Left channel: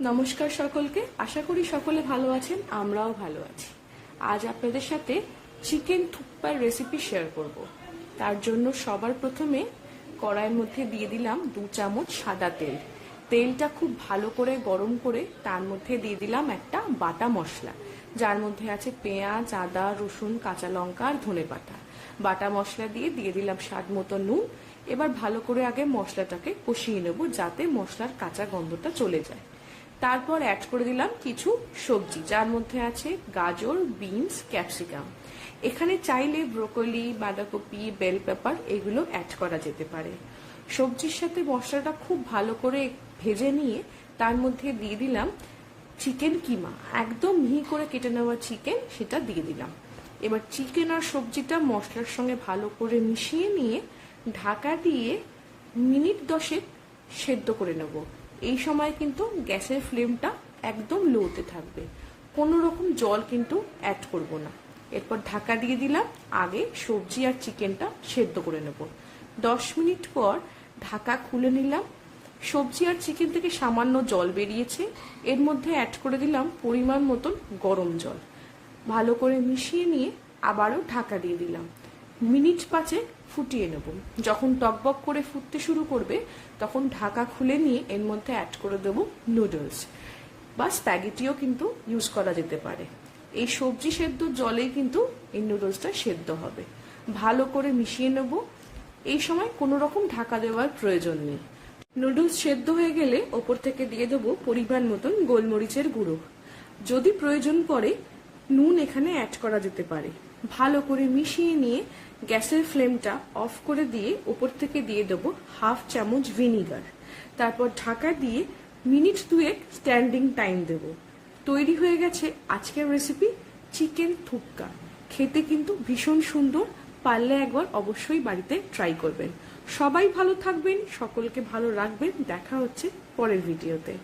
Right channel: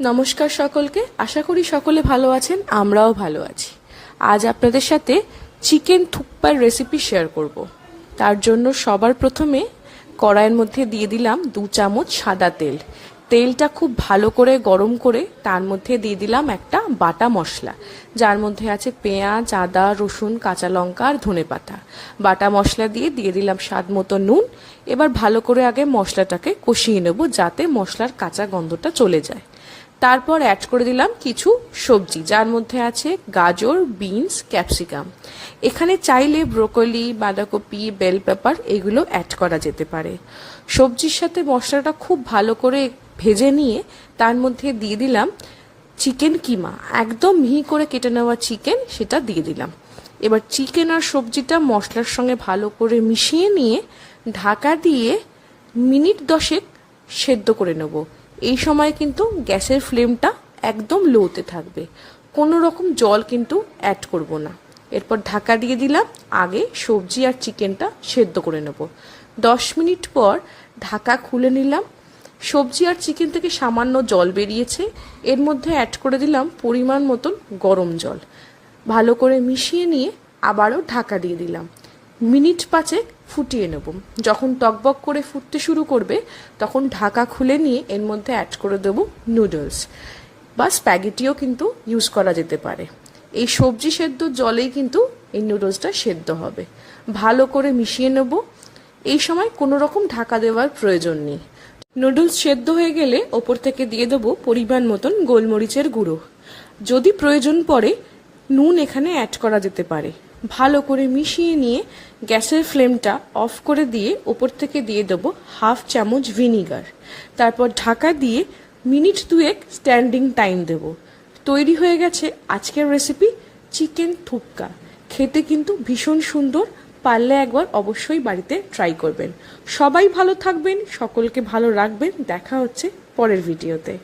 নমস্কার সকলকে। আশা করি সকলে ভালো আছেন, আমরাও ভালো আছি। আজ আপনাদের সাথে চিকেন থুকপার রেসিপি শেয়ার করব। তার জন্য সবার প্রথমে কড়াইয়ের মধ্যে দিয়ে দিলাম 2 চামচ সাদা তেল। তেলটা খুব ভালো করে গরম করে তার মধ্যে দিয়ে দিলাম একটা বাটা মশলা, যার মধ্যে আছে পেঁয়াজ, আদা, রসুন, কাঁচা লঙ্কা আর ধনেপাতা। বাটা মশলা দিয়ে দিলাম স্বাদ মতো নুন। এবার ভালো করে আগে মশলাটাকে কষিয়ে নেব, যাতে মশলার কাঁচা গন্ধটা চলে যায়। তারপর অ্যাড করে দিলাম কিছু সবজি, যার মধ্যে আছে গাজর, বিনস, ক্যাপসিকাম। এখানে চাইলে ব্রোকলি, বাঁধাকপি, বেল পেপার এগুলো অ্যাড করা যেতে পারে। সবজির সাথে মশলাটা খুব ভালো করে ভেজে নিয়ে তার মধ্যে দিয়ে দিলাম চিকেন কিমা, একদম মিহি করে কেটে নেওয়া চিকেন, সেটা দিয়ে দিলাম। এবার চিকেন আর সবজিটা মশলার সঙ্গে ভালো করে মিশিয়ে নিয়ে ঢাকা দিয়ে মিনিট 10 সেদ্ধ করে নেব। এই সময় কিন্তু গ্যাসের ফ্লেমটা একদম লোতে থাকবে, কোনো রকম জল কিন্তু অ্যাড করব না। এরপর ঢাকা দিয়ে দিলাম, আগে সবজি আর চিকেনটা সেদ্ধ করে নেব। 10 মিনিট পর ঢাকা খুলে নিলাম। সবজি আর চিকেন থেকে সামান্য জল বেরিয়েছে, এর মধ্যে অ্যাড করে দিলাম পরিমাণ মতন গরম জল। ভালো করে মিশিয়ে নিয়ে আবারও ঢাকা দিয়ে দিলাম। মিনিট 5 ফুটিয়ে নেব। যখন টকবক করে ফুটতে শুরু করবে তখন ঢাকা খুলে নিয়ে এর মধ্যে অ্যাড করে দেবো নুডলস বা স্প্যাগেটিও কিন্তু ইউজ করা যেতে পারে। এই সবজি সেদ্ধ জলেই কিন্তু এই নুডলসটা সেদ্ধ হবে। ভালো করে মিশিয়ে নেব। এই সময় কোনো রকম ঢাকা দেওয়ার প্রয়োজন নেই। নুডলস সেদ্ধ হয়ে গেলে ওপর থেকে দিয়ে দেবো পরিমাণ মতন গোলমরিচের গুঁড়ো। যদি প্রয়োজন পড়ে নুন এখানে অ্যাড করা যেতে পারে। ভালো করে মিশিয়ে নিয়ে গ্যাসের ফ্লেমটা অফ করে দিয়ে ওপর থেকে দিয়ে দেবো হাফ চামচ ভিনিগার। তারপর ঢাকা দিয়ে মিনিট 2 স্ট্যান্ডিং টাইম দেব। তৈরি হয়ে গেছে আজকের রেসিপি চিকেন থুপকা। খেতে কিন্তু ভীষণ সুন্দর, পারলে একবার অবশ্যই বাড়িতে ট্রাই করবেন। সবাই ভালো থাকবেন, সকলকে ভালো রাখবেন। দেখা হচ্ছে পরের ভিডিওতে।